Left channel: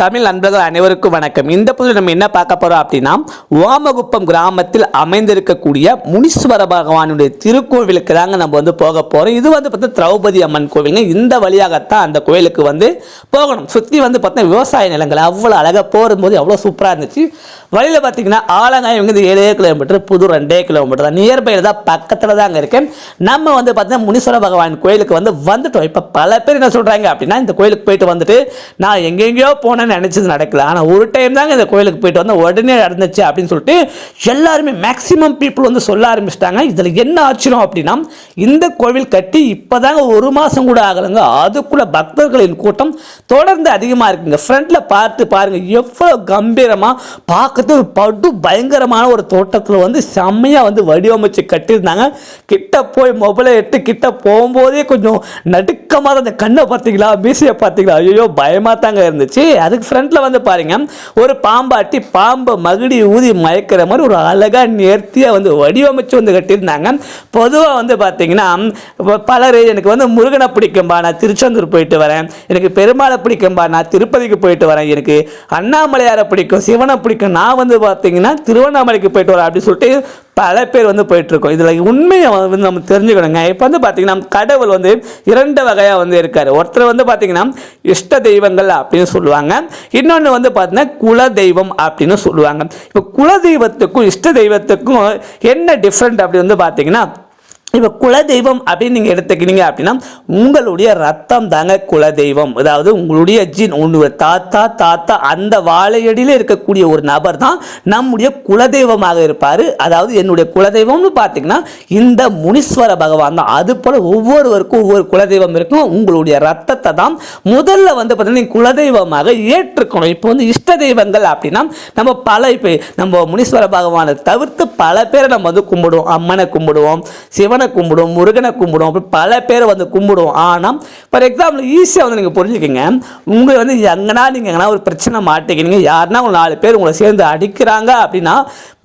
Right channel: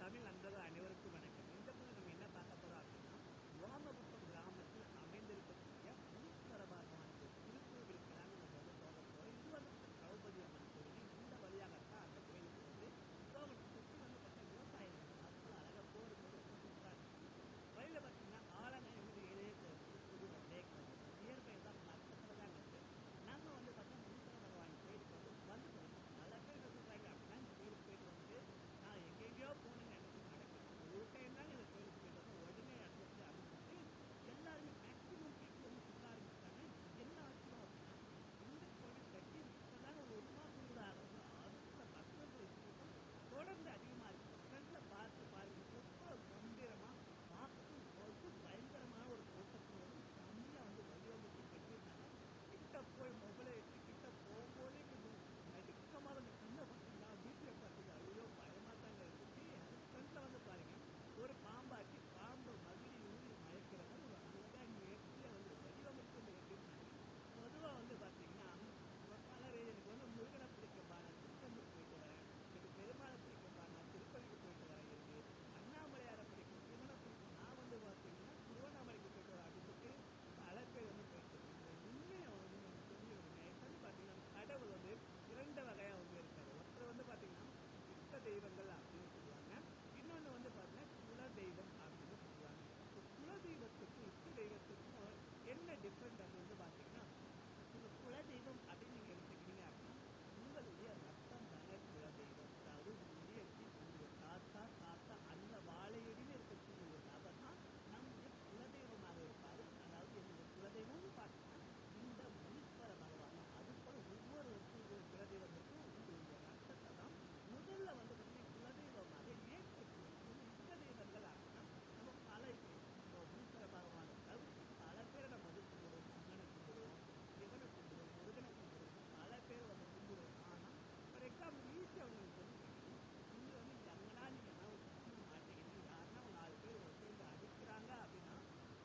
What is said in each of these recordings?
தமிழ் நண்பர்கள் அனைவருக்கும் வணக்கம். இந்த பதிவில் நம்ம என்ன பார்க்க போறோம் அப்படின்னா, ஓமகுப்பம் கிராமத்தில் அமைந்திருக்கக்கூடிய முனீஸ்வர பகவானுடைய திருக்கோவிலுக்கு தாங்க நம்ம போக போறோம். இது பார்த்தா திரௌபதி அம்மன் கோவிலுங்க. இந்த வழியாகத்தான் அந்த கோவிலுக்கு போகணும். சுற்றி பார்த்தா விவசாய நிலங்கள் அவ்வளோ அழகாக போகும்போது அவ்வளோ சூப்பராக இருந்துச்சு. வழியில் பார்த்தீங்கன்னா ஆலங்காயம் 7 கிலோமீட்டர், புது 2 கிலோமீட்டர் தான், நியர்பையில் தான், பக்கத்தில் தாங்க இருக்கேன். நம்ம பார்த்தீங்கன்னா முனீஸ்வர பகவான் கோயிலுக்கு வந்துட்டோம். இப்போ பல பேர் என்ன சொல்கிறாங்க அப்படின்னா, இந்த கோயிலுக்கு போயிட்டு வந்துட்டு நான் எங்கெங்கேயோ போனேன் நினைச்சது நடக்கல, ஆனால் ஒரு டைம் தாங்க இந்த கோயிலுக்கு போயிட்டு வந்து உடனே நடந்துச்சு அப்படின்னு சொல்லிட்டு எல்லாருமே மேக்சிமம் பீப்புள் சொல்ல ஆரம்பிச்சிட்டாங்க. இதில் என்ன ஆச்சரியம் அப்படின்னா, இந்த கோவில் கட்டி இப்போதாங்க 1 மாதம் கூட ஆகலைங்க, அதுக்குள்ள பக்தர்களின் கூட்டம் தொடர்ந்து அதிகமாக இருக்குங்க. ஃப்ரண்ட்ல பார்த்து பாருங்க, எவ்வளோ கம்பீரமாக பார்க்கறது படு பயங்கரமான ஒரு தோட்டத்தில் செம்மையாக வடிவமைச்சு கட்டியிருந்தாங்க. கிட்ட போய் மொபைலை எடுத்து கிட்ட போகும்போதே கொஞ்சம் நடுக்கமாக அந்த கண்ணை பார்த்தீங்களா, மீசையை பார்த்தீங்களா, ஐயோ பயமாக தாங்க இருந்துச்சு. அதுக்கு ஃப்ரண்ட்ல பாருங்க, ஒரு பாம்பாட்டி பாம்பை மகுடி ஊதி மயக்கிற மாதிரி ஒரு அழகா நேர்த்தியா வடிவமைச்சு கட்டியிருந்தாங்க. பொதுவாக பார்த்தீங்கன்னா பலர் எனக்கு முருகனை பிடிக்கும்பா, நான் திருச்செந்தூர் போயிட்டு வரேன், எனக்கு பெருமாளை பிடிக்கும்பா, நான் திருப்பதிக்கு போயிட்டு வரேன், எனக்கு அண்ணாமலையாரை பிடிக்கும், சிவனை பிடிக்கும், நான் பார்த்தீங்கன்னா திருவண்ணாமலைக்கு போயிட்டு வரேன் அப்படின்னு சொல்லிட்டு பல பேர் போயிட்டு இருக்கோம். இதில் உண்மையை நம்ம தெரிஞ்சுக்கணுங்க. இப்போ பார்த்தீங்கன்னா கடவுள் 2 வகையாக இருக்காரு. ஒருத்தர் பார்த்தீங்கன்னா இஷ்ட தெய்வங்கள் அப்படின்னு சொல்லுவாங்க, இன்னொன்று பார்த்தீங்கன்னா குல தெய்வம் அப்படின்னு சொல்லுவாங்க. இப்போ குல தெய்வத்துக்கும் இஷ்ட தெய்வத்துக்கும் என்ன டிஃப்ரெண்ட் அப்படி பார்த்தீங்கன்னா, இப்போ குலதெய்வம் அப்படின்னு நீங்கள் எடுத்துக்கிட்டீங்க அப்படின்னா, உங்களுடைய ரத்தம் தாங்க குலதெய்வம். அதாவது உங்களுடைய ஜீன், உங்களுடைய தாத்தா அந்த வாழையடியில் இருக்கக்கூடிய ஒரு நபர் தான் நம்முடைய குலதெய்வமாக இருப்பார். அதாவது என்னுடைய குலதெய்வம்னு பார்த்தீங்கன்னா இந்த முனீஸ்வர பகவான் தான். அது போல் ஒவ்வொருவருக்கும் ஒவ்வொரு குலதெய்வம் இருக்கும். உங்களுடைய ரத்தத்தை தான் முதல்ல பார்த்தீங்கன்னா நீங்கள் குலதெய்வமாக ஏற்றுக்கணும். இப்போ இஷ்ட தெய்வங்கள் அப்படின்னா இப்போ நம்ம முனீஸ்வர பகவானை தவிர்த்து பல பேரை நம்ம கும்பிடுவோம். அம்மனை கும்பிடுவோம், சிவனை கும்பிடுவோம், முருகனை கும்பிடுவோம், அப்படி பல பேர் கும்பிடுவோம். ஆனால் ஃபார் எக்ஸாம்பிள் ஈஸியாக நீங்கள் புரிஞ்சுக்கங்க, உங்களை எங்கன்னா நீங்கள் எங்கன்னா ஒரு பிரச்சனை மாட்டிக்கிறீங்க, யாருன்னா உங்களை 4 பேர் உங்களை சேர்ந்து அடிக்கிறாங்க அப்படின்னா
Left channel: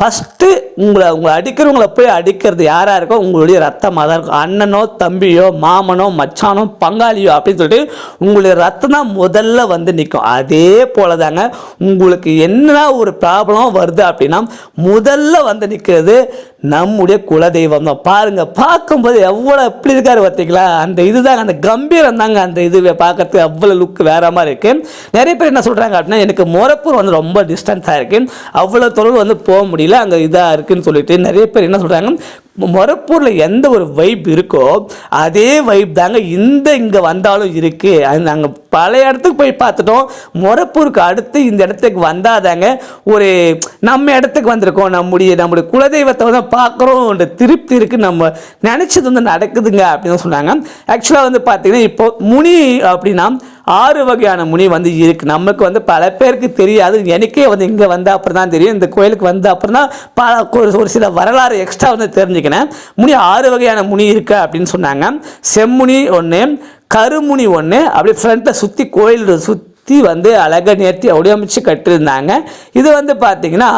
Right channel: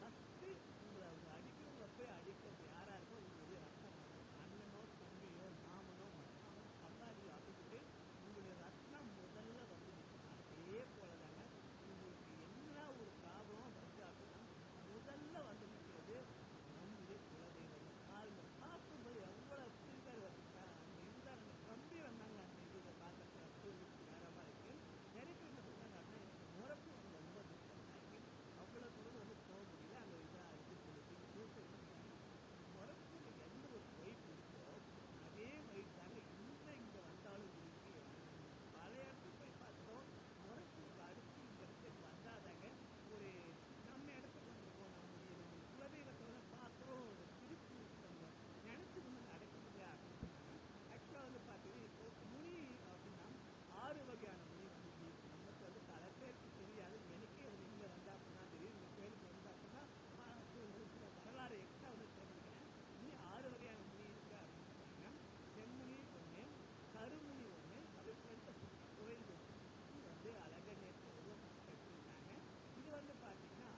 ஃபஸ்ட்டு உங்களை அடிக்கிறவங்களை போய் அடிக்கிறது யாராக இருக்கோ உங்களுடைய ரத்தமாக தான் இருக்கும். அண்ணனோ தம்பியோ மாமனோ மச்சானோ பங்காளியோ அப்படின்னு சொல்லிட்டு உங்களுடைய ரத்தம் தான் முதல்ல நிற்கும். அதே போல தாங்க உங்களுக்கு என்ன ஒரு ப்ராப்ளம் வருது அப்படின்னா முதல்ல நிற்கிறது நம்முடைய குலதெய்வம் தான். பாருங்க, பார்க்கும்போது எவ்வளோ எப்படி இருக்காரு பார்த்தீங்களா, அந்த இதுதாங்க, அந்த கம்பீரம் தாங்க, அந்த இதுவே பார்க்கறதுக்கு அவ்வளோ லுக் வேற மாதிரி இருக்கு. நிறைய பேர் என்ன சொல்றாங்க அப்படின்னா, எனக்கு மொரப்பூர் ரொம்ப டிஸ்டன்ஸாக இருக்கு, அவ்வளோ தொழில் போக முடியல, அங்கே இதாக இருக்குன்னு சொல்லிட்டு நிறைய பேர் என்ன சொல்றாங்க, மொரப்பூரில் எந்த ஒரு வைப் இருக்கோ அதே வைப் தாங்க இங்கே வந்தாலும் இருக்கு. நாங்கள் பல இடத்துக்கு போய் பார்த்துட்டோம், மொரப்பூருக்கு அடுத்து இந்த இடத்துக்கு வந்தாதாங்க ஒரு நம்ம இடத்துக்கு வந்திருக்கோம், நம்முடைய குலதெய்வத்தை பார்க்குறோம், திருப்தி இருக்கு, நம்ம நினைச்சது நடக்குதுங்க அப்படின்னு சொன்னாங்க. ஆக்சுவலாக பார்த்தீங்கன்னா இப்போ முனி அப்படின்னா 6 வகையான முனி இருக்கு. நமக்கு பல பேருக்கு தெரியாது, எனக்கே இங்கே அப்புறம் தான் தெரியும், இந்த கோயிலுக்கு அப்புறம் தான் ஒரு சில வரலாறு எக்ஸ்ட்ரா தெரிஞ்சுக்கினேன். முனி 6 வகையான முனி இருக்கு அப்படின்னு சொன்னாங்க. செம்முனி 1, கருமுனி 1, அப்படி ஃப்ரண்ட்டை சுற்றி கோயில் சுற்றி அழகாக நேர்த்தி வடிவமைச்சு கட்டியிருந்தாங்க. இது பார்த்தீங்கன்னா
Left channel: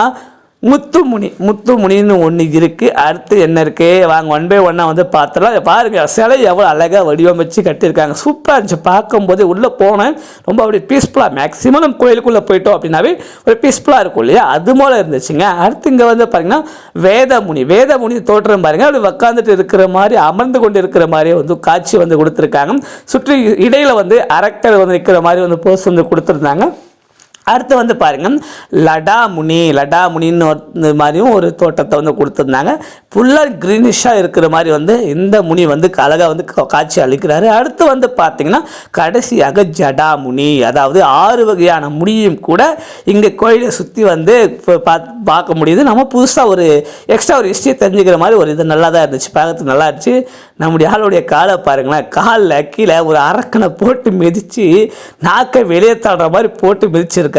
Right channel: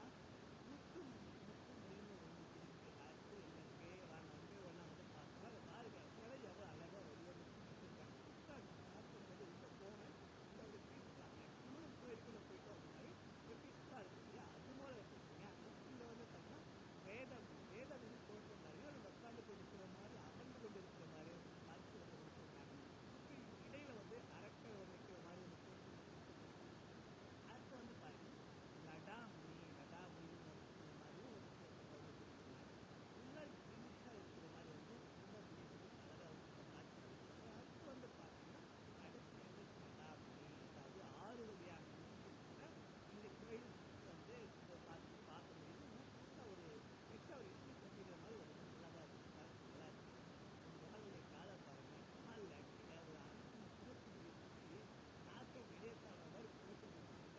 முத்துமுனின்னு ஒன்று இருக்குது. அடுத்து என்ன இருக்குது, வாங்க 1 by 1 பார்த்துலாம். பாருங்கள், சிலை எவ்வளோ அழகாக வடிவமைச்சு கட்டியிருக்காங்க, சூப்பராக இருந்துச்சு. பார்க்கும்போது உள்ளே போனேன், ரொம்ப அப்படி பீஸ்ஃபுல்லாக, மேக்ஸிமம் நம்ம கோயிலுக்குள்ளே போயிட்டோம் அப்படின்னாவே ஒரு பீஸ்ஃபுல்லாக இருக்கும் இல்லையா, அது போல் இருந்துச்சுங்க. அடுத்து இங்கே பார்த்தீங்கன்னா வேதமுனி தோற்றம் பாருங்கள், அப்படி உட்காந்துட்டு இருக்கிற மாதிரி, அமர்ந்து கொண்டு இருக்கிற மாதிரி காட்சி கொடுத்துருக்காங்க. சுற்றி இடையில் அரக்கர் நிற்கிற மாதிரி போஸ் கொடுத்துருந்தாங்க. அடுத்து பாருங்க, லடாமுனின்னு மாதிரியும் ஒரு தோட்டத்தை கொடுத்துருந்தாங்க. ஃபுல்லாக க்ரீனிஷாக இருக்கிற மாதிரி இந்த முனி அழகாக காட்சி அளிக்கிறாரு. அடுத்து பார்த்தீங்கன்னா கடைசியாக ஜடாமுனி, அதாவது 6 வகையான முனியும் கூட இங்கே கோயிலை சுற்றி பார்க்க முடியுது. நம்ம புதுசாக ஒரு எக்ஸ்ட்ரா ஒரு ஹிஸ்ட்ரி தெரிஞ்சுக்கிற மாதிரி ஒரு இது நல்லா தான் இருந்துச்சு, பார்க்கறதுக்கு நல்லா இருந்துச்சு. நம்முடைய ஆளுடைய காலை பாருங்களேன், காலில் கீழே ஒரு அரக்கனை போட்டு மிதித்து நாக்கை வெளியே தள்ளுற மாதிரி போட்டு மிதிச்சிருக்கு.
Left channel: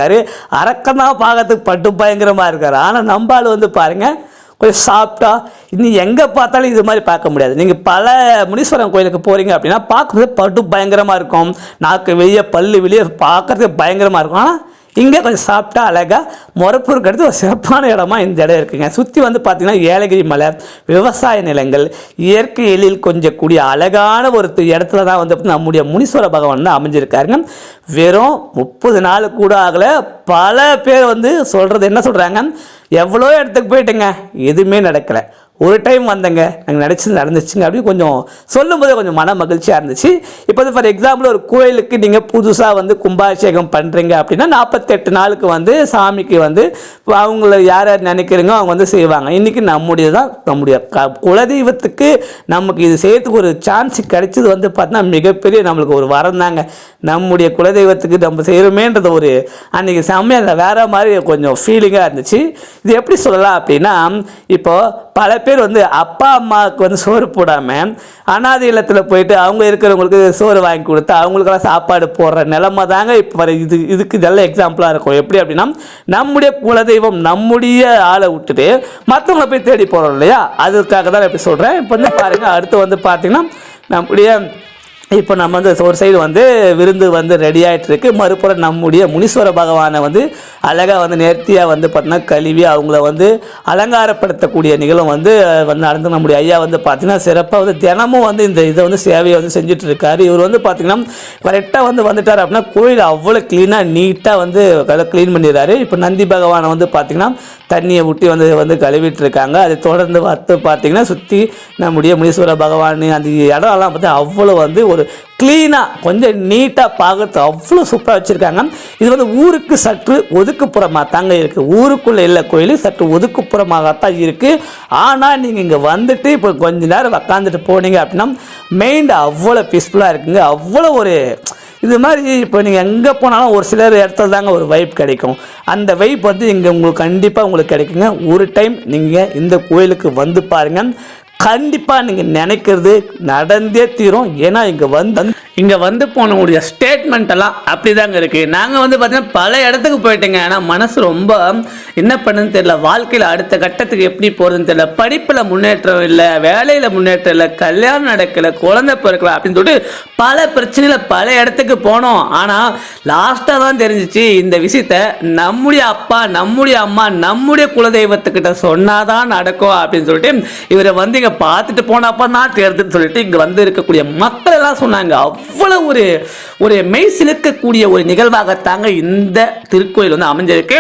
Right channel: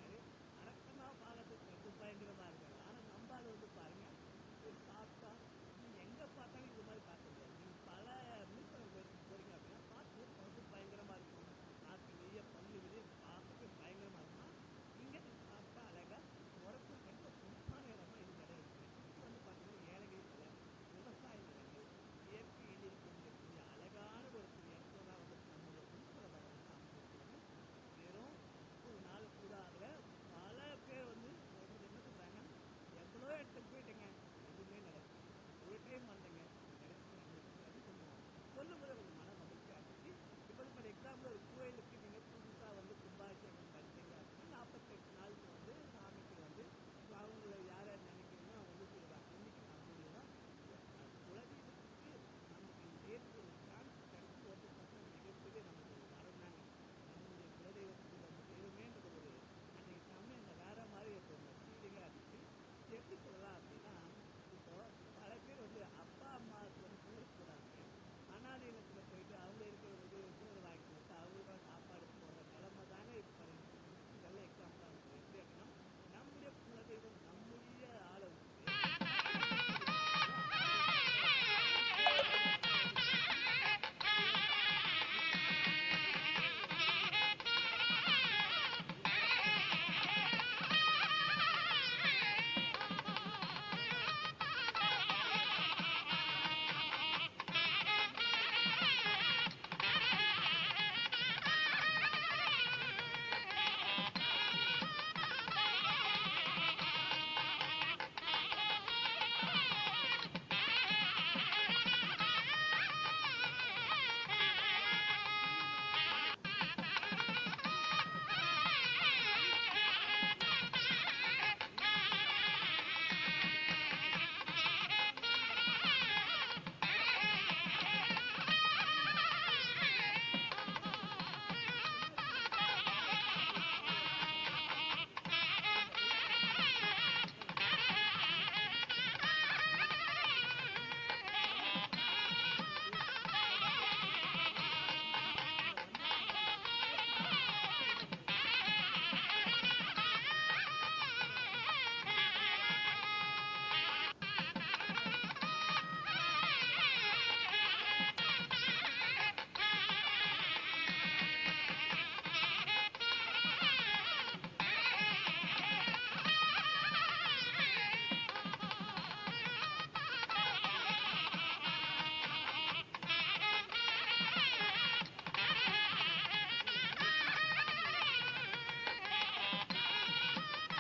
அரக்கன் தான் பார்க்கறதுக்கு பட்டு பயங்கரமாக இருக்காரு. ஆனால் நம்பால் பாருங்க கொஞ்சம் சாப்பிட்டா இன்னும் எங்கே பார்த்தாலும் இது மாதிரி பார்க்க முடியாது. நீங்கள் பல முனீஸ்வரன் கோயிலுக்கு போகிறீங்க அப்படின்னா பார்க்கும்போது பட்டு பயங்கரமாக இருக்கும், நாக்கு வெளியே பல்லு வெளியே பார்க்கறதுக்கு பயங்கரமாக இருக்கும். ஆனால் இங்கே கொஞ்சம் சாப்பிட்டா அழகாக முறப்பூருக்கு அடுத்து ஒரு சிறப்பான இடமா இந்த இடம் இருக்குங்க. சுற்றி வந்து பார்த்திங்கன்னா ஏலகிரி மலை, விவசாய நிலங்கள், இயற்கை எழில் கொஞ்சக்கூடிய அழகான ஒரு இடத்துல தான் வந்து நம்முடைய முனீஸ்வர பகவான் தான் அமைஞ்சிருக்காருங்க. வெறும் 30 நாள் கூட ஆகலை. பல பேர் வந்து சொல்கிறது என்ன சொல்கிறாங்க, எவ்வளோ இடத்துக்கு போயிட்டுங்க எதுவுமே நடக்கலை, ஒரு டைம் வந்தங்க நாங்கள் நடந்துச்சுங்க அப்படின்னு கொஞ்சம் சொல்லும்போது கொஞ்சம் மன மகிழ்ச்சியாக இருந்துச்சு. இப்போ வந்து ஃபார் எக்ஸாம்பிள் ஒரு கோயிலுக்கு நீங்கள் புதுசாக வந்து கும்பாபிஷேகம் பண்ணுறீங்க அப்படின்னா 48 நாளுக்கு வந்து சாமிக்கு வந்து அவங்கள யார் யார் நினைக்கிறீங்க அவங்க வந்து செய்வாங்க. இன்றைக்கி நம்முடைய குலதெய்வத்துக்கு நமக்கு இது செய்யறதுக்கு ஒரு சான்ஸ் கிடைச்சது வந்து பார்த்தீங்கன்னா மிகப்பெரிய நம்மளுக்கு ஒரு வரம் தாங்க. நம்முடைய குலதெய்வத்துக்கு நம்ம செய்கிறோமேன்றது ஒரு அன்றைக்கி செம்மையாக வேறு மாதிரி கொஞ்சம் ஃபீலிங்காக இருந்துச்சு. இது எப்படி சொல்லலாம் அப்படின்னா, இப்போது பல பேர் வந்து அப்பா அம்மாவுக்கு வந்து சோறு போடாமல் அனாதை இல்லத்தில் போயிட்டு அவங்க இருக்கிறவங்களுக்கு சோறு வாங்கி கொடுத்து அவங்களுக்கெல்லாம் சாப்பாடு போடுற நிலைமை தாங்க இப்போ இதுக்கு நல்ல எக்ஸாம்பிளாக இருக்கும். எப்படி அப்படின்னா, நம்முடைய குலதெய்வம் நம்முடைய ஆளை விட்டுட்டு மற்றவங்களை போய் தேடி போகிறோம் இல்லையா, அதுக்காக தான் எப்படி சொல்கிறேன். இப்போ வந்து பாருங்கள், அடுத்து வந்து பார்த்திங்கன்னா நம்முடைய இப்போ நம்ம வந்து ஒரு சைடு வந்து விருந்து வந்து ரெடி ஆகிட்டு இருக்கு, மறுபுறம் நம்முடைய முனீஸ்வர பகவானை வந்து அழகாக வந்து நேர்த்தியாக வந்து பார்த்தீங்கன்னா கழுவி அவங்கள வந்து அலங்காரப்படுத்தக்கூடிய நிகழ்வு வந்து நடந்து நம்முடைய ஐயா வந்து பார்த்திங்கன்னா சிறப்பாக வந்து தினமும் வந்து இந்த இதை வந்து சேவையை வந்து செஞ்சுட்டு இருக்காரு. இவர் வந்து பார்த்திங்கன்னா கரெக்டாக வந்து வந்துட்டார் அப்படின்னா கோயில் அவ்வளோ க்ளீனாக நீட்டாக வந்து க்ளீன் பண்ணிடுறாரு. இப்போ நந்தி பகவானை வந்து பார்த்திங்கன்னா தண்ணியை ஊட்டி வந்து கழுவிட்டு இருக்காங்க. அதை தொடர்ந்து பார்த்திங்கன்னா சுற்றி நம்முடைய முனீஸ்வர பகவான் அந்த இடம்லாம் பார்த்து அவ்வளோ வந்து ஒரு க்ளீனாக கொஞ்சம் நீட்டாக பார்க்கறது அவ்வளோ சூப்பராக வச்சுருக்காங்க. இது வந்து ஊருக்கு சற்று ஒதுக்குப்புறமாக தாங்க இருக்குது. ஊருக்குள்ளே இல்லை கோயில், சற்று ஒதுக்குப்புறமாகத்தான் இருக்குது. ஆனால் நீங்கள் இங்கே வந்துட்டு இப்போ கொஞ்ச நேரம் உக்காந்துட்டு போனீங்க அப்படின்னா மைண்ட் அவ்வளோ பீஸ்ஃபுல்லாக இருக்குங்க. அவ்வளோ ஒரு இது மாதிரி இப்போ நீங்கள் எங்கே போனாலும் ஒரு சிலர் இடத்துல தாங்க ஒரு வைப் கிடைக்கும். அந்த வைப் வந்து இங்கே உங்களுக்கு கண்டிப்பாக உங்களுக்கு கிடைக்குங்க. ஒரு டைம் நீங்கள் இந்த கோயிலுக்கு வந்து பாருங்கள், கண்டிப்பாக நீங்கள் நினைக்கிறது நடந்தே தீரும். ஏன்னா இங்கே வந்து போனவங்களுடைய ஸ்டேட்மெண்ட் எல்லாம் அப்படி தாங்க இருக்குது. நாங்கள் வந்து பார்த்தீங்கன்னா பல இடத்துக்கு போயிட்டேங்க. ஆனால் மனசு ரொம்ப என்ன பண்ணுன்னு தெரியல, வாழ்க்கையில் அடுத்த கட்டத்துக்கு எப்படி போகிறதுன்னு தெரியல, படிப்பில் முன்னேற்றம் இல்லை, வேலையில் முன்னேற்றம் இல்லை, கல்யாணம் நடக்கலை, குழந்தை பிறக்கல அப்படின்னு சொல்லிட்டு பல பிரச்சனையில் பல இடத்துக்கு போனோம். ஆனால் லாஸ்ட்டாக தான் தெரிஞ்சிச்சு இந்த விஷயத்த நம்முடைய அப்பா, நம்முடைய அம்மா, நம்முடைய குலதெய்வத்துக்கிட்ட சொன்னாதான் நடக்கும் அப்படின்னு சொல்லிட்டு இவரை வந்து இங்கே பார்த்துட்டு போனப்போ தான் தெரியுதுன்னு சொல்லிட்டு இங்கே வந்து இருக்கக்கூடிய மக்கள் எல்லாம் சொன்னாங்க. அவ்வளோ ஒரு மெய் சிலிர்க்கக்கூடிய ஒரு நிகழ்வாகத்தாங்க இந்த திருக்கோயில் வந்து அமைஞ்சிருக்கு.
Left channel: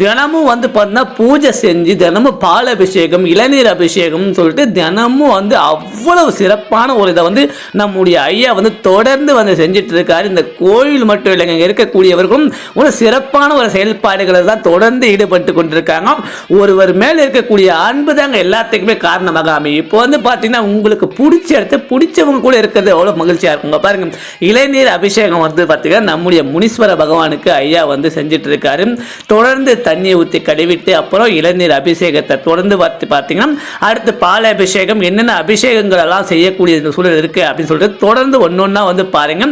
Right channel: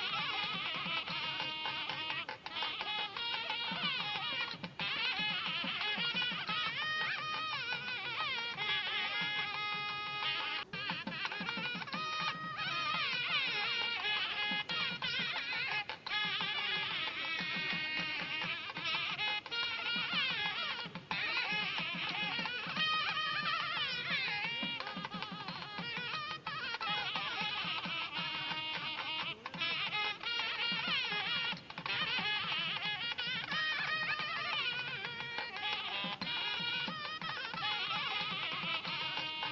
தினமும் வந்து பார்த்தீங்கன்னா பூஜை செஞ்சு தினமும் பால் அபிஷேகம், இளநீர் அபிஷேகம்னு சொல்லிட்டு தினமும் வந்து அவ்வளவு சிறப்பான ஒரு இதை வந்து நம்முடைய ஐயா வந்து தொடர்ந்து வந்து செஞ்சுட்டு இருக்காரு. இந்த கோயில் மட்டும் இல்லைங்க, இங்கே இருக்கக்கூடியவர்களும் ஒரு சிறப்பான ஒரு செயல்பாடுகளை தான் தொடர்ந்து ஈடுபட்டு கொண்டிருக்காங்க. ஒருவர் மேல் இருக்கக்கூடிய அன்பு தாங்க எல்லாத்துக்குமே காரணமாக அமையும். இப்போ வந்து பார்த்தீங்கன்னா உங்களுக்கு பிடிச்ச இடத்த பிடிச்சவங்க கூட இருக்கிறது எவ்வளோ மகிழ்ச்சியாக இருக்குங்க. பாருங்க, இளநீர் அபிஷேகம் வந்து பார்த்தீங்கன்னா நம்முடைய முனீஸ்வர பகவானுக்கு ஐயா வந்து செஞ்சுட்டு இருக்காரு. தொடர்ந்து தண்ணியை ஊற்றி கழுவிட்டு அப்புறம் இளநீர் அபிஷேகத்தை தொடர்ந்து பார்த்தீங்கன்னா அடுத்து பால் அபிஷேகம், என்னென்ன அபிஷேகங்கள் எல்லாம் செய்யக்கூடிய சூழல் இருக்குது அப்படின்னு சொல்லிட்டு தொடர்ந்து ஒன்றா வந்து பாருங்க.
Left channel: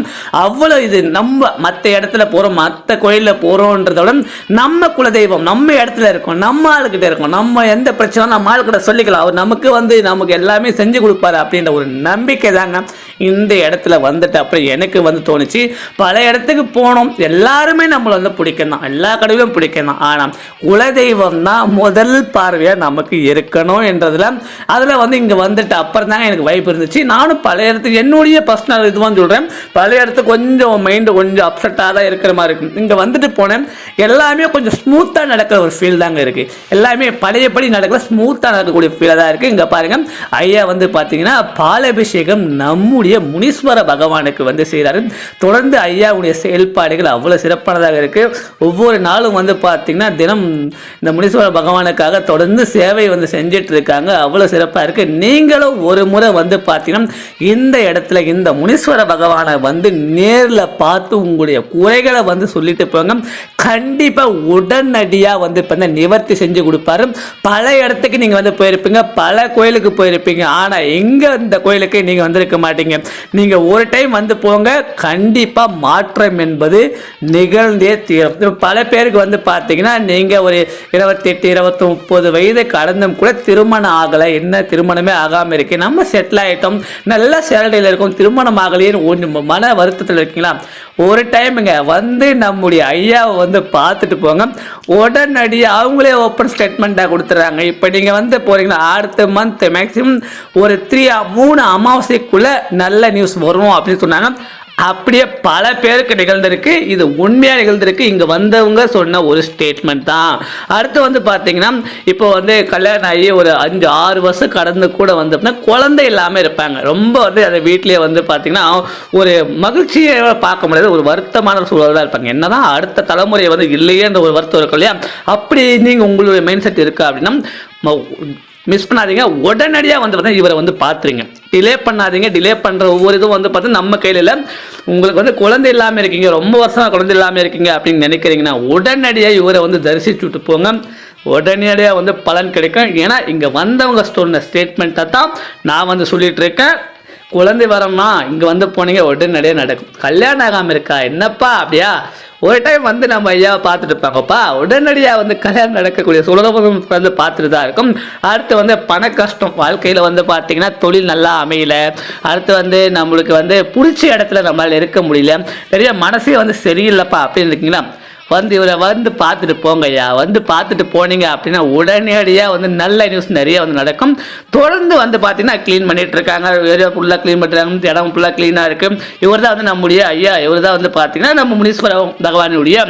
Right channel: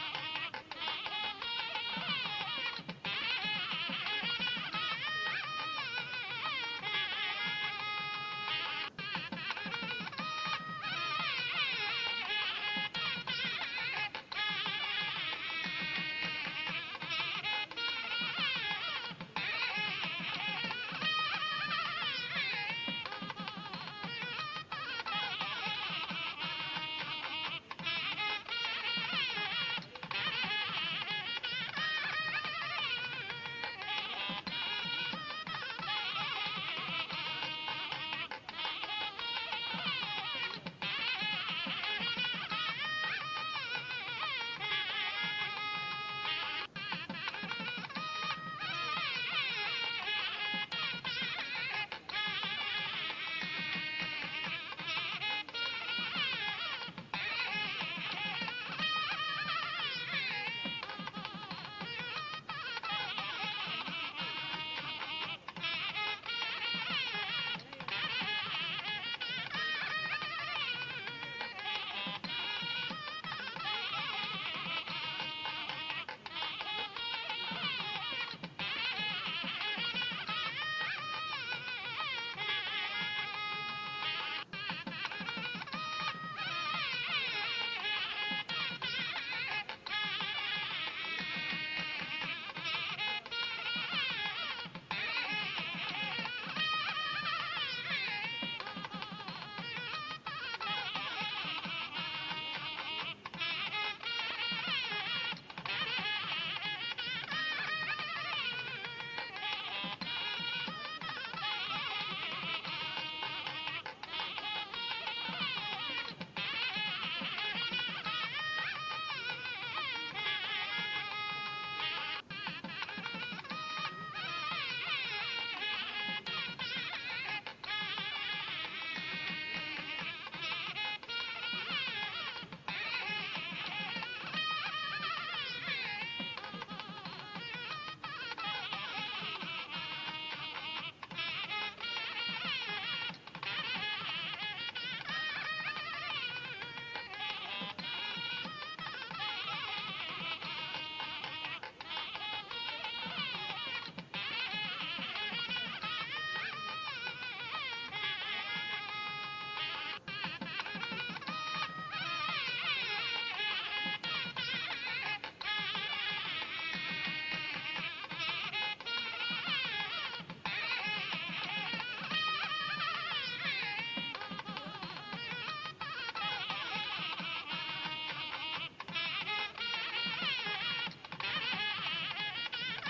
அவ்வளோ இது நம்ம மற்ற இடத்துல போகிறோம், மற்ற கோயிலில் போகிறோன்றதோட நம்ம குலதெய்வம் நம்ம இடத்துல இருக்கோம், நம்ம ஆளுக்கிட்ட இருக்கோம், நம்ம எந்த பிரச்சனை நம்ம ஆளுக்கிட்ட சொல்லிக்கலாம், அவர் நமக்கு எல்லாமே செஞ்சு கொடுப்பாரு அப்படின்ற ஒரு நம்பிக்கை தாங்க இந்த இடத்துல வந்துட்டு அப்புறம் எனக்கு வந்து தோணுச்சு. பல இடத்துக்கு போனோம், எல்லாருமே நம்மளை வந்து பிடிக்கணும், எல்லா கடவுளும் பிடிக்கணும். ஆனால் குலதெய்வம் தான் முதல் பார்வையாக நமக்கு இருக்கணும் என்றதில் அதில் வந்து இங்கே வந்துட்டு அப்புறம் தாங்க எனக்கு வைப்பு இருந்துச்சு. நானும் பல இடத்துக்கு என்னுடைய பர்சனல் இதுவான்னு சொல்கிறேன், பல இடத்துக்கு கொஞ்சம் மைண்டு கொஞ்சம் அப்செட்டாக தான் இருக்கிற மாதிரி இருக்கும். இங்கே வந்துட்டு போனேன், எல்லாமே கொஞ்சம் ஸ்மூத்தாக நடக்கிற ஒரு ஃபீல் தாங்க இருக்குது. எல்லாமே பழையபடி நடக்கிற ஸ்மூத்தாக நடக்கக்கூடிய ஃபீலாக தான் இருக்குது. இங்கே பாருங்கள், ஐயா வந்து பார்த்தீங்கன்னா பாலாபிஷேகம் நம்முடைய முனீஸ்வர பகவானுக்கு வந்து செய்கிறாரு. தொடர்ந்து ஐயாவுடைய செயல்பாடுகள் அவ்வளோ சிறப்பானதாக இருக்குது. ஒவ்வொரு நாளும் வந்து பார்த்தீங்கன்னா தினம் இந்த முனீஸ்வர பகவானுக்காக தொடர்ந்து சேவை வந்து செஞ்சிட்டு இருக்காங்க. அவ்வளோ சிறப்பாக இருக்குது. நீங்களும் ஒரு முறை வந்து பார்த்தீங்கன்னா இந்த இடத்துல இந்த முனீஸ்வர பகவானை வந்து நேரில் பார்த்து உங்களுடைய குறைகளை வந்து சொல்லிட்டு போங்க. கண்டிப்பாக உடனடியாக வந்து இப்போ நிவர்த்தி செஞ்சு கொடுப்பாரு. பல இடத்துக்கு நீங்கள் வந்து போயிருப்பீங்க, பல கோயிலுக்கு போயிருப்பீங்க, ஆனால் எங்கே இந்த கோயிலுக்கு நீங்கள் வந்திருக்க மாட்டீங்க. நீங்கள் ஒரு டைம் வந்து போங்க, கண்டிப்பாக கண்டிப்பாக மாற்றம் என்பது நிகழ்ந்தே தீரும். பல பேருக்கு வந்து பார்த்தீங்கன்னா நீங்கள் ஒரு 28, 30 வயது கடந்தும் கூட திருமணம் ஆகலை, என்ன திருமணமே ஆகாமல் இருக்கு, நம்ம செட்டில் ஆகிட்டோம், நல்ல சேலரியில் இருக்கும், திருமணம் ஆகலைன்னு மன வருத்தத்தில் இருக்கீங்களா? ஒரு டைமுங்க வந்து நம்முடைய ஐயாவை வந்து பார்த்துட்டு போங்க, உடனடியாக அவங்களே ஓப்பன் ஸ்டேட்மெண்ட்டாக கொடுத்துட்றாங்க. இப்போ நீங்கள் வந்து போகிறீங்கன்னா அடுத்த மந்த் மேக்ஸிமம் ஒரு 3 அமாவாசைக்குள்ளே நல்ல நியூஸ் வரும் அப்படின்னு சொன்னாங்க. அப்படியே பல பேருக்கு நிகழ்ந்திருக்கு. இது உண்மையாக நிகழ்ந்திருக்கு. இங்கே வந்தவங்க சொன்ன ஒரு ஸ்டேட்மெண்ட் தான். அடுத்து வந்து பார்த்தீங்கன்னா இப்போ வந்து கல்யாணம் ஆகி ஒரு 5-6 வருஷம் கடந்து கூட வந்து குழந்தை இல்லாமல் இருப்பாங்க. ரொம்ப வந்து அதை வீட்லேயே வந்து பார்த்தீங்கன்னா ஒரு மகிழ்ச்சியை பார்க்க முடியாது, ஒரு வருத்தமான சூழல் தான் இருப்பாங்க. என்னதான் அடுத்த தலைமுறை வந்து இல்லையேன்ற ஒரு வருத்தம் இருக்கும் இல்லையா? அப்படி நீங்கள் உங்களுடைய மைண்ட் செட் இருக்கா அப்படின்னா மிஸ் பண்ணாதீங்க, உடனடியாக வந்து பார்த்தீங்கன்னா இவரை வந்து பார்த்துருங்க. டிலே பண்ணாதீங்க. டிலே பண்ணுற ஒவ்வொரு இதுவும் வந்து பார்த்தீங்கன்னா நம்ம கையில் இல்லை. உங்களுக்கு வந்து குழந்தை இல்லாமல் இருக்கீங்க, ரொம்ப வருஷமாக குழந்தை இல்லாமல் இருக்கீங்க அப்படின்னு நினைக்கிறீங்கன்னா உடனடியாக இவரை வந்து தரிசிச்சுட்டு போங்க. உடனடியாக வந்து பலன் கிடைக்கும். ஏன்னா இங்கே வந்தவங்க சொன்ன ஸ்டேட்மெண்ட்டை தான் நான் வந்து சொல்லிட்டு இருக்கேன். குழந்தை வரம்னா இங்கே வந்து போனீங்க உடனடியாக நடக்கும். கல்யாணம் ஆகாமல் இருக்கா என்னப்பா அப்படியா, ஒரு டைம் வந்து நம்ம ஐயாவை பார்த்துட்டு இருப்பாங்கப்பா, உடனடியாக வந்து கல்யாணம் நடக்கக்கூடிய சுலபம் வந்து பார்த்துட்டு தான் இருக்கும். அடுத்து வந்து பண கஷ்டம், வாழ்க்கையில் வந்து பார்த்தீங்கன்னா தொழில் நல்லா அமையல, அடுத்து வந்து நம்மளுக்கு வந்து பிடிச்ச இடத்துல நம்மளால் இருக்க முடியல, நிறைய மனசே வந்து சரியில்லைப்பா அப்படின்னு இருக்கீங்களா? வந்து இவரை வந்து பார்த்துட்டு போங்க ஐயா. வந்து பார்த்துட்டு போனீங்க அப்படின்னா உடனடியாக வந்து நல்ல நியூஸ் நிறைய வந்து நடக்கும். தொடர்ந்து வந்து பார்த்தீங்கன்னா க்ளீன் பண்ணிட்டு இருக்காங்க, ஏரியா ஃபுல்லாக க்ளீன் பண்ணுறாங்க, இடம் ஃபுல்லாக க்ளீனாக இருக்குது. இவர் தான் வந்து நம்முடைய ஐயா, இவர் தான் வந்து பார்த்தீங்கன்னா நம்ம முனீஸ்வர பகவானுடைய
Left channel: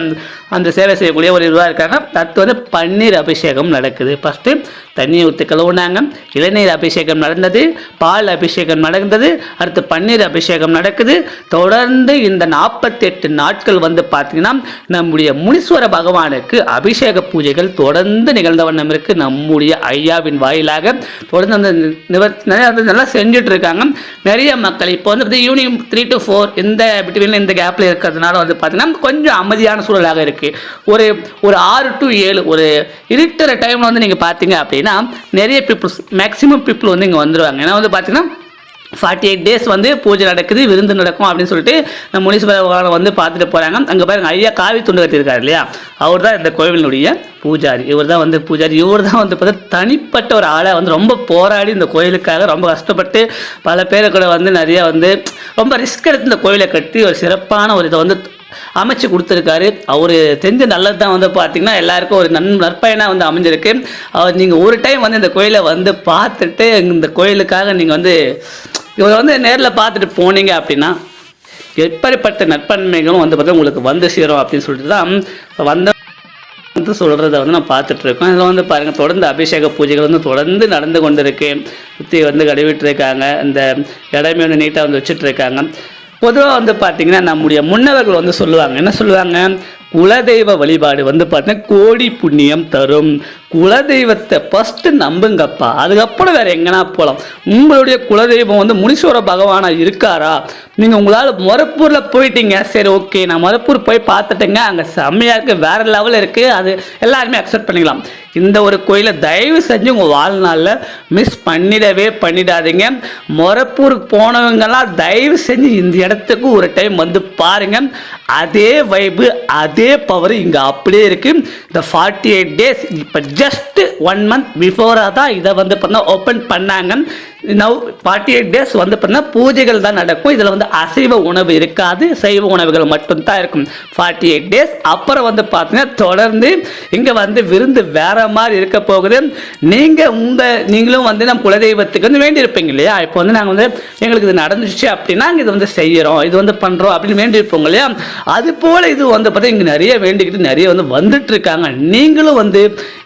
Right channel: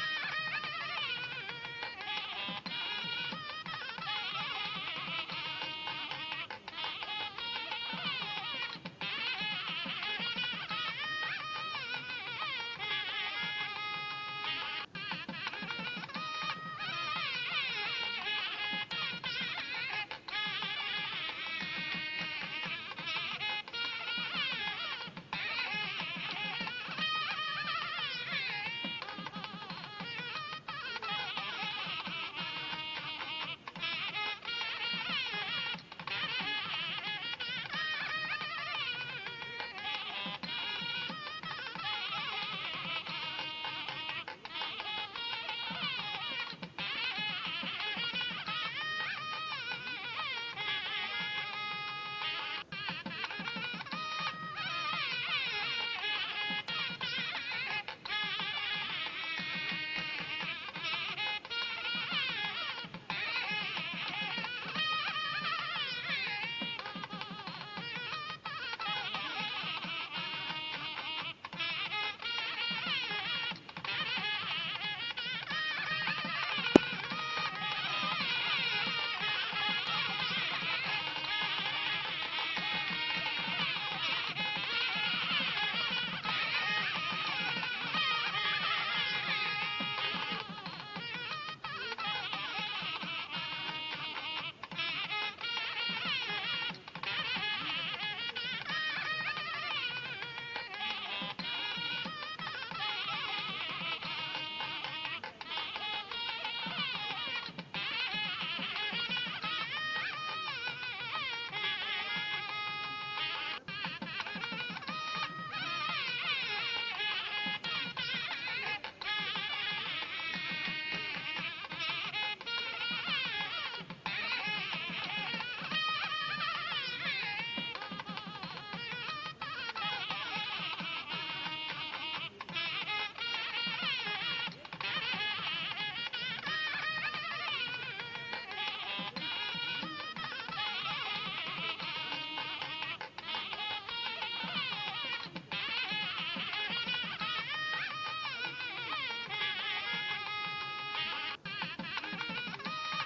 அந்த சேவை செய்யக்கூடிய ஒரு இதுவாக இருக்காங்க. அடுத்து வந்து பன்னீர் அபிஷேகம் நடக்குது. ஃபஸ்ட்டு தண்ணியை ஊற்றி கழுவுனாங்க, இளநீர் அபிஷேகம் நடந்தது, பால் அபிஷேகம் நடந்தது, அடுத்து பன்னீர் அபிஷேகம் நடக்குது. தொடர்ந்து இந்த 48 நாட்கள் வந்து பார்த்தீங்கன்னா நம்முடைய முனீஸ்வர பகவானுக்கு அபிஷேக பூஜைகள் தொடர்ந்து நிகழ்ந்த வண்ணம் இருக்குது. நம்முடைய ஐயாவின் வாயிலாக தொடர்ந்து அந்த நிறைய வந்து நல்லா செஞ்சுட்டு இருக்காங்க. நிறைய மக்கள் இப்போ வந்து ஈவினிங் 3 to 4 இந்த பிட்வீனில் இந்த கேப்பில் இருக்கிறதுனால வந்து பார்த்தீங்கன்னா கொஞ்சம் அமைதியான சூழலாக இருக்குது. ஒரு 6 to 7 ஒரு இருக்கிற டைமில் வந்து நீங்கள் பார்த்தீங்க அப்படின்னா நிறைய பீப்புள்ஸ் மேக்ஸிமம் பீப்புள் வந்து இங்கே வந்துடுவாங்க. ஏன்னா வந்து பார்த்தீங்கன்னா 48 days வந்து பூஜை நடக்குது, விருந்து நடக்கும் அப்படின்னு சொல்லிட்டு நம்ம முனீஸ்வரன் வந்து பார்த்துட்டு போகிறாங்க. அங்கே பாருங்க ஐயா காவி துண்டு கட்டியிருக்காரு இல்லையா, அவர் தான் இந்த கோவிலினுடைய பூஜாரி. இவர் தான் வந்து பூஜாரி. இவர் தான் வந்து பார்த்தா தனிப்பட்ட ஒரு ஆளாக வந்து ரொம்ப போராடி இந்த கோயிலுக்காக ரொம்ப கஷ்டப்பட்டு பல பேரை கூட வந்து நிறையா வந்து ரொம்ப ரிஸ்க் எடுத்து இந்த கோயிலை கட்டி ஒரு சிறப்பான ஒரு இதை வந்து அமைச்சு கொடுத்துருக்காரு. அவர் செஞ்ச நல்லது தான் வந்து பார்த்திங்கன்னா எல்லாருக்கும் ஒரு நற்பயனாக வந்து அமைஞ்சிருக்கு. அவர் நீங்கள் ஒரு டைம் வந்து இந்த கோயிலை வந்து பார்த்துட்டு இந்த கோயிலுக்காக நீங்கள் வந்து இவரை வந்து நேரில் பார்த்துட்டு போனீங்க அப்படின்னா எப்படிப்பட்ட நற்பன்மைகளும் வந்து பார்த்தா உங்களுக்கு வந்து சேரும் அப்படின்னு சொல்லிட்டு தான் வந்த வந்து சொல்கிறத வந்து நான் பார்த்துட்ருக்கோம். இதில் வந்து பாருங்கள் தொடர்ந்து அபிஷேக பூஜைகள் வந்து தொடர்ந்து நடந்து கொண்டு இருக்கு. சுற்றி வந்து கழுவிட்டுருக்காங்க, இந்த இடமே வந்து நீட்டாக வந்து வச்சுட்ருக்காங்க. பொதுவாக வந்து பார்த்திங்கன்னா நம்முடைய முன்னவர்கள் வந்து சொல்லுவாங்க, என்ன சொல்லுவாங்க, குலதெய்வ வழிபாடு வந்து பார்த்தீங்கன்னா கோடி புண்ணியம் தரும். குலதெய்வத்தை ஃபஸ்ட்டு நம்புங்கப்பா, அதுக்கப்புறம் வேறு எங்கன்னா போகலாம். உங்களுடைய குலதெய்வம் வந்து முனீஸ்வர பகவானாக இருக்காரா? நீங்கள் உங்களால் மொரப்பூரில் போயிட்டீங்க, சரி ஓகே நான் மொரப்பூர் போய் பார்த்துட்டேங்க, அங்கே செம்மையாக இருக்குது, வேறு லெவலில் இருக்குது, அது எல்லாருமே அக்செப்ட் பண்ணிக்கலாம். இந்த ஒரு கோயிலை தயவு செஞ்சு உங்கள் வாழ்நாளில் மிஸ் பண்ணிடாதீங்க. மொரப்பூருக்கு போனவங்கெல்லாம் தயவு செஞ்சு இந்த இடத்துக்கு ஒரு டைம் வந்து பாருங்கள். அதே வைப்பு அதே பவர் இங்கே அப்படியே இருக்குது. இந்த 48 days இப்போ ஜஸ்ட் 1 month பிஃபோராக தான் இதை வந்து பார்த்தா ஓப்பன் பண்ணாங்க. நவ் 48 days வந்து பார்த்தீங்கன்னா பூஜைகள் தான் நடக்கும். இதில் வந்து அசைவ உணவு இருக்காது, சைவ உணவுகள் மட்டும்தான் இருக்கும் 48 days. அப்புறம் வந்து பார்த்தீங்கன்னா தொடர்ந்து இங்கே வந்து விருந்து வேற மாதிரி இருக்க போகுது. நீங்களும் வந்து நம்ம குலதெய்வத்துக்கு வந்து வேண்டியிருப்பீங்க இல்லையா, இப்போ வந்து நாங்கள் வந்து எங்களுக்கு இது நடந்துச்சு அப்படின்னா இது வந்து செய்கிறோம், இது வந்து பண்ணுறோம் அப்படின்னு வேண்டியிருப்போங்க இல்லையா, அது போல் இது வந்து பார்த்தா இங்கே நிறைய வேண்டிக்கிட்டு நிறைய வந்து வந்துட்டு இருக்காங்க. நீங்களும் வந்து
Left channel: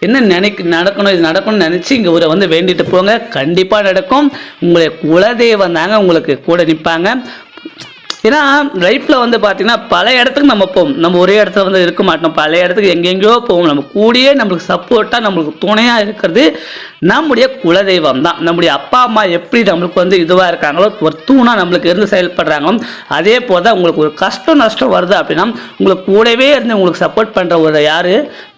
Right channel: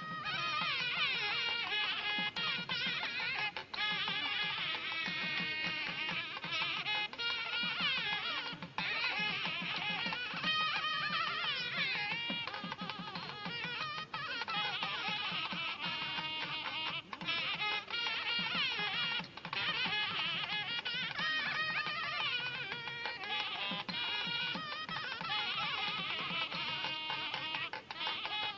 என்ன நடக்கணும், இது நடக்கணும்னு நினச்சி இங்கே ஒரு வந்து வேண்டிட்டு போங்க, கண்டிப்பாக நடக்கும். உங்களுடைய குலதெய்வம் தாங்க உங்களுக்கு கூட நிற்பாங்க. ஏன்னா லைஃப்பில் வந்து பார்த்திங்கன்னா பல இடத்துக்கு நம்ம போவோம், நம்ம ஒரே இடத்துல வந்து இருக்க மாட்டோம், பல இடத்துக்கு எங்கெங்கேயோ போவோம். நம்ம கூடயே நம்மளுக்கு சப்போர்ட்டாக நம்மளுக்கு துணையாக இருக்கிறது நம்முடைய குலதெய்வம் தான். நம்முடைய அப்பா அம்மா எப்படி நம்மளுக்கு வந்து இதுவாக இருக்காங்களோ, ஒரு தூணாக நம்மளுக்கு இருந்து செயல்படுறாங்களோ, அதே போல் தான் உங்களுக்கு ஒரு கஷ்டம் நஷ்டம் வருது அப்படின்னா உங்களுக்கு கூடவே இருந்து உங்களுக்கு சப்போர்ட் பண்ணுற ஒரு யார்,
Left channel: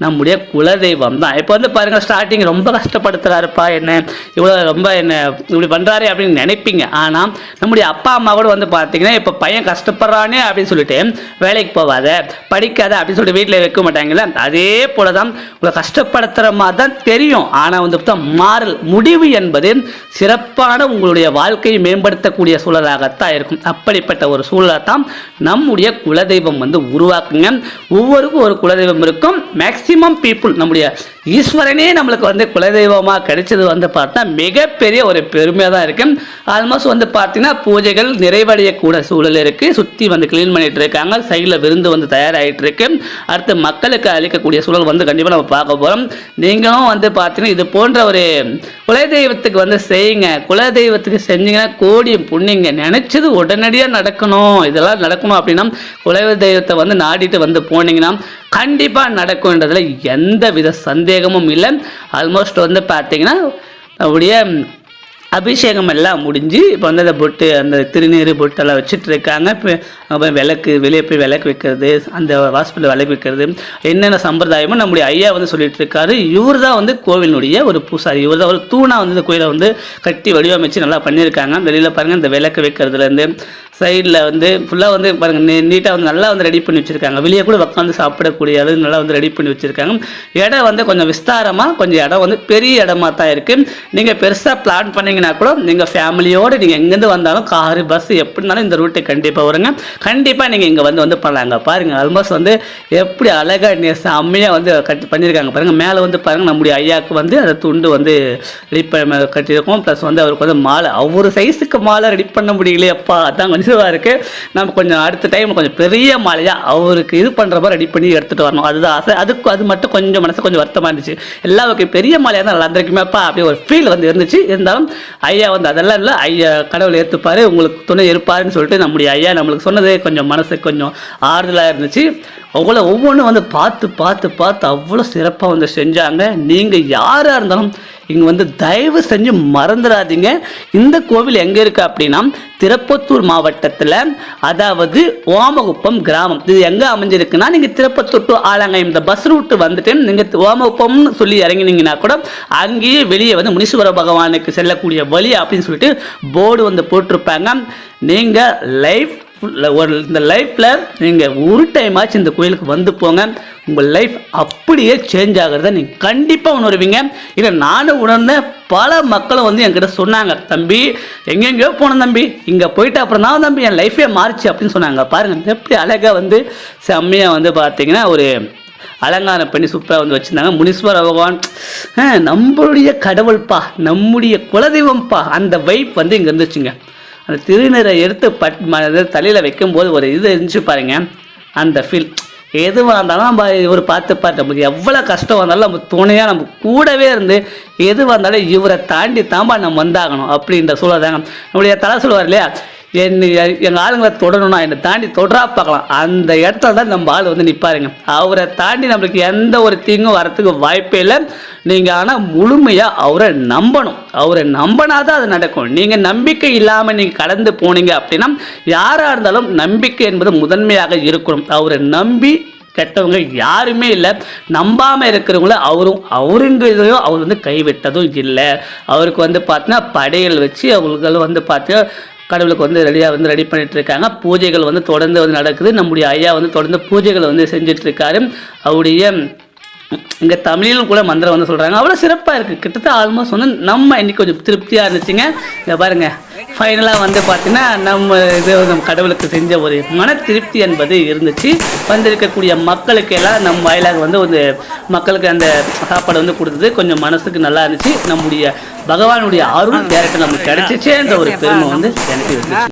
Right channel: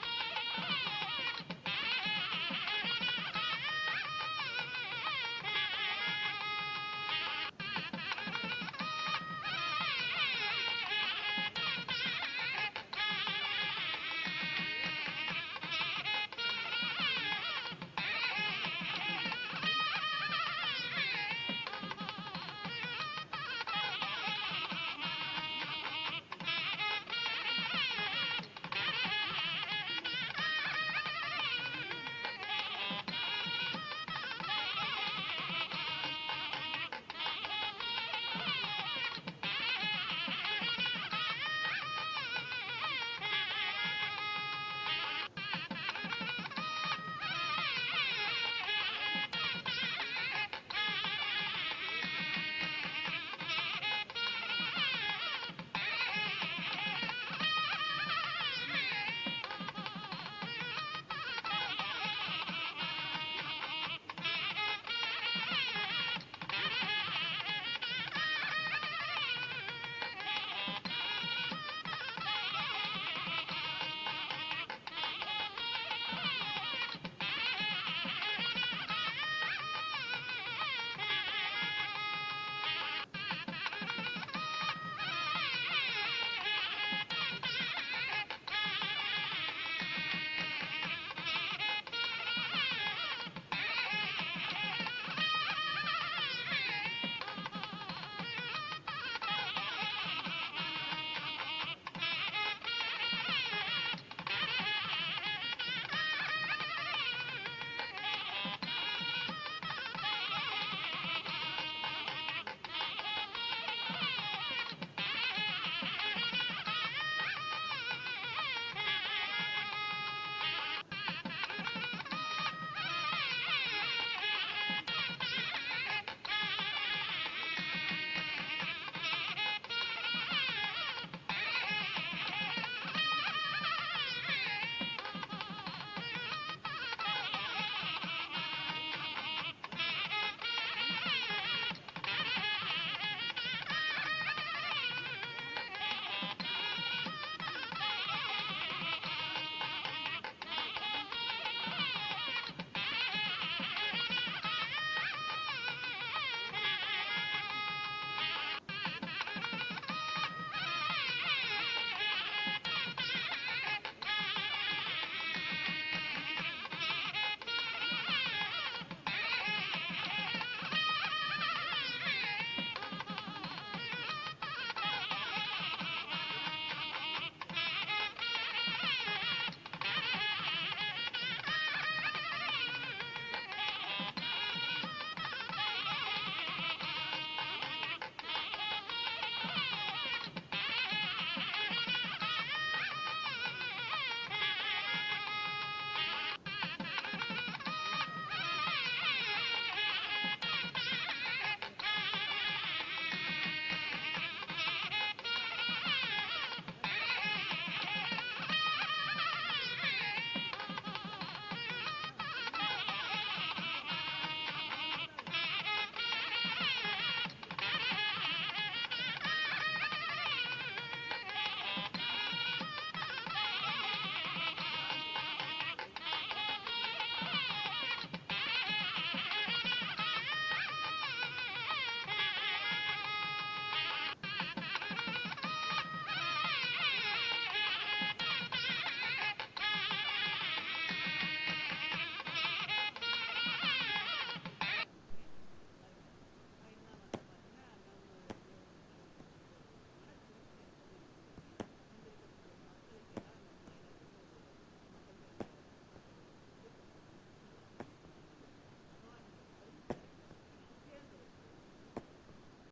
நம்முடைய குலதெய்வம் தான். இப்போ வந்து பாருங்கள், ஸ்டார்டிங் ரொம்ப கஷ்டப்படுத்துகிறாருப்பா, என்ன இவ்வளோ ரொம்ப என்ன இப்படி பண்ணுறாரு அப்படின்னு நினைப்பீங்க. ஆனால் நம்முடைய அப்பா அம்மா கூட வந்து பார்த்திங்கன்னா இப்போ பையன் கஷ்டப்படுறானே அப்படின்னு சொல்லிட்டு வேலைக்கு போகாத, படிக்காத அப்படின்னு சொல்லிட்டு வீட்டில் வைக்க மாட்டாங்கல்ல. அதே போல தான் உங்களை கஷ்டப்படுத்துகிற மாதிரி தான் தெரியும். ஆனால் வந்து மாறல் முடிவு என்பது சிறப்பான உங்களுடைய வாழ்க்கையை மேம்படுத்தக்கூடிய சூழலாகத்தான் இருக்கும். அப்படிப்பட்ட ஒரு சூழலை தான் நம்முடைய குலதெய்வம் வந்து உருவாக்குங்க. ஒவ்வொருக்கும் ஒரு குலதெய்வம் இருக்கும். மேக்சிமம் பீப்புள் நம்முடைய ஈஸ்வரனே நம்மளுக்கு வந்து குலதெய்வமாக கிடைச்சது வந்து பார்த்தா மிகப்பெரிய ஒரு பெருமையாக தான் இருக்கு. ஆல்மோஸ்ட் வந்து பார்த்தீங்கன்னா பூஜைகள் நிறைவடையக்கூட சூழல் இருக்கு. சுற்றி வந்து கிளீன் பண்ணிட்டு இருக்காங்க. சைடில் விருந்து வந்து தயாராகிட்டு இருக்கு. அடுத்து மக்களுக்கு அளிக்கக்கூடிய சூழல் வந்து கண்டிப்பாக நம்ம பார்க்க போகிறோம். நீங்களும் வந்து பார்த்தீங்கன்னா இது போன்ற ஒரு குலதெய்வத்துக்கு வந்து செய்யுங்க. குலதெய்வத்துக்கு செஞ்சீங்கன்னா கோடி புண்ணிங்க. நினைச்சது உடனடியாக நடக்கணும். இதெல்லாம் நடக்கணும் அப்படின்னா குலதெய்வத்தை வந்து நாடிட்டு வந்து போனீங்கன்னா கண்டிப்பாக நடக்கும்ன்றதுல எந்த வித சந்தேகமும் இல்லை. ஆல்மோஸ்ட் வந்து பார்த்தீங்கன்னா அப்படியே அபிஷேகம் எல்லாம் முடிஞ்சு இப்போ வந்து அந்த பொட்டு, அந்த திருநீர் பொட்டெல்லாம் வச்சுட்டு இருக்காங்க. இப்போ விளக்கு வெளியே போய் விளக்கு வைக்கிறது, அந்த ஹாஸ்பிட்டல் விளக்கு வைக்கிறது, என்னென்ன சம்பிரதாயமும் நம்முடைய ஐயா வந்து சொல்லிட்டு இருக்காரு. இவர் தான் வந்து கோவிலுடைய ஒரு பூசாரி. இவர் தான் ஒரு தூணா வந்து இந்த கோயிலை வந்து கட்டி வடிவமைச்சு நல்லா பண்ணியிருக்காங்க. வெளியில் பாருங்கள் இந்த விளக்கு வைக்கிறதுலேருந்து சைடில் வந்து ஃபுல்லாக வந்து பாருங்கள் நீட்டாக வந்து நல்லா வந்து ரெடி பண்ணி வச்சுருக்காங்க. வெளியே கூட உட்காந்து சாப்பிடக்கூடிய அளவு நல்லா வந்து ரெடி பண்ணி வச்சுருக்காங்க. இடம் வந்து கொஞ்சம் விஸ்தாரமாக, கொஞ்சம் இடம் வந்து பெரிய இடமா தான் இருக்குது. நீங்கள் பெருசாக பிளான் பண்ணிங்கன்னா கூட நீங்கள் ஃபேமிலியோடு நீங்கள் எங்கேருந்து வந்தாலும் காரு பஸ் எப்படினாலும் இந்த ரூட்டை கண்டிப்பாக வருங்க. கண்டிப்பாக நீங்கள் இங்கே வந்து பண்ணலாங்க. பாருங்கள் ஆல்மோஸ்ட் வந்து எப்படி அழகாக செம்மையாக வந்து கட்டி பண்ணியிருக்காங்க. பாருங்கள் மேலே வந்து பாருங்கள் நம்முடைய ஐயாவுக்கு வந்து அந்த துண்டு வந்து ரெடி பண்ண கட்டியிருக்கோம். ப்ளஸ் வந்து அவருக்கு வந்து மாலை, ஒவ்வொரு சைஸுக்கு மாலை ரெடி பண்ண முடியலையப்பா, அதான் கொஞ்சம் இருக்குது. நம்ம கொஞ்சம் அடுத்த டைம் கொஞ்சம் பெரிய மாலையாக அவருக்கு இது பண்ணுற மாதிரி ரெடி பண்ணி எடுத்துகிட்டு வரணும். அதுதான் ஆசை. அது மட்டும் கொஞ்சம் மனசு கொஞ்சம் வருத்தமாக இருந்துச்சு. எல்லாருக்கும் பெரிய மாலையாக தான் நல்லா இருந்திருக்குமேப்பா அப்படி ஒரு ஃபீல் வந்து இருந்துச்சு. இருந்தாலும் ஐயா வந்து அதெல்லாம் இல்லை, ஐயா கடவுளை ஏற்றுப்பார், உங்களுக்கு துணை இருப்பாருன்னு சொல்லிட்டு நம்முடைய ஐயா நம்மளுக்கு சொன்னது கொஞ்சம் மனசுக்கு கொஞ்சம் ஆறுதலாக இருந்துச்சு. ஒவ்வொன்றும் வந்து பார்த்து அவ்வளோ சிறப்பாக வந்து செஞ்சாங்க. நீங்கள் யாராக இருந்தாலும் இங்கே வந்து தயவு செஞ்சு மறந்துடாதீங்க. இந்த கோவில் எங்கே இருக்குது அப்படின்னா திருப்பத்தூர் மாவட்டத்தில், அதாவது ஓமகுப்பம் கிராமம். இது எங்கே அமைஞ்சிருக்குன்னா நீங்கள் திருப்பத்தூர் டு ஆலங்காயம் இந்த பஸ் ரூட்டு வந்துட்டு நீங்கள் ஓமகுப்பம்னு சொல்லி இறங்கினீங்கன்னா கூட அங்கேயே வெளியே வந்து முனீஸ்வர பகவானுக்கு செல்லக்கூடிய வழி அப்படின்னு சொல்லிட்டு போர்டு வந்து போட்டிருப்பாங்க. நீங்கள் இந்த லைஃப்பில் நீங்கள் ஒரு டைம் ஆச்சு இந்த கோயிலுக்கு வந்து போங்க. உங்கள் லைஃப் அப்படியே சேஞ்ச் ஆகிறத நீங்கள் கண்டிப்பாக உணர்வீங்க. இதை நானும் உணர்ந்தேன். பல மக்களும் வந்து என்கிட்ட சொன்னாங்க, தம்பி எங்கெங்கேயோ போனேன் தம்பி, இங்கே போயிட்டு அப்புறம் தான் தம்பி என் லைஃபே மாறிச்சு அப்படின்னு சொன்னாங்க. பாருங்கள் எப்படி அழகாக வந்து செம்மையாக வந்து பார்த்தீங்கன்னா ஒரு அலங்காரம் பண்ணி சூப்பராக வந்து வச்சுருந்தாங்க. முனீஸ்வர பகவான் நம்மளுடைய கடவுள்ப்பா, நம்முடைய குலதெய்வம்ப்பா, அந்த வைப் வந்து இங்கே இருந்துச்சுங்க. அந்த திருநீரை எடுத்து தலையில் வைக்கும்போது ஒரு இது இருந்துச்சு பாருங்க, அந்த ஃபீல். எதுவாக இருந்தாலும் நம்ம இவர் பார்த்து நமக்கு எவ்வளோ கஷ்டம் வந்தாலும் நம்ம துணையாக நம்ம கூடவே இருந்து எதுவாக இருந்தாலும் இவரை தாண்டி தாம்பா நம்ம வந்தாகணும் அப்படின்ற சூழல் தாங்க. நம்முடைய தலை சொல்லுவார் இல்லையா, எங்கள் ஆளுங்களை தொடரணும்னா என்னை தாண்டி தொடரா பார்க்கலாம், அந்த இடத்துல தான் நம்ம ஆள் வந்து நிற்பாருங்க. அவரை தாண்டி நம்மளுக்கு எந்த ஒரு தீங்கும் வரத்துக்கு வாய்ப்பே இல்லை. நீங்கள் ஆனால் முழுமையாக அவரை நம்பணும். அவரை நம்பினாதான் அது நடக்கும். நீங்கள் நம்பிக்கை இல்லாமல் நீங்கள் கடந்து போனீங்க அப்படின்னா யாராக இருந்தாலும் நம்பிக்கை என்பது முதன்மையாக இருக்கணும். அவரை நம்பி கெட்டவங்க யாருமே இல்லை. நம்பாமல் இருக்கிறவங்கள அவருங்கிறதையும் அவர் வந்து கைவிட்டதும் இல்லை. அவருக்கு வந்து பார்த்தீங்கன்னா படையல் வச்சு அவங்களுக்கு வந்து பார்த்தீங்கன்னா கடவுளுக்கு வந்து ரெடி பண்ணிட்டு இருக்காங்க. பூஜைகள் வந்து தொடர்ந்து வந்து நடக்குது. நம்முடைய ஐயா வந்து தொடர்ந்து பூஜைகளை வந்து செஞ்சுட்டு இருக்காரு. அவருடைய இங்கே தமிழிலும் கூட மந்திரம் வந்து சொல்கிறாங்க. அவ்வளோ சிறப்பாக இருக்குது. கிட்டத்தட்ட ஆல்மோஸ்ட் வந்து நம்ம இன்னைக்கு கொஞ்சம் திருப்தியாக இருந்துச்சுங்க. இங்கே பாருங்கள் ஃபைனலாக வந்து பார்த்தீங்கன்னா நம்ம கடவுளுக்கு செஞ்ச ஒரு மன திருப்தி என்பது இருந்துச்சு. வந்திருக்கக்கூடிய மக்களுக்கு எல்லாம் நம்ம வாயிலாக வந்து ஒரு மக்களுக்கு அந்த சாப்பாடு வந்து கொடுத்தது கொஞ்சம் மனசுக்கு நல்லா இருந்துச்சு. நம்முடைய பகவானுடைய அருள் டேரக்டாக நமக்கு கிடைச்சிச்சேன்ற ஒரு பெருமை வந்து எனக்கு இருந்துச்சு.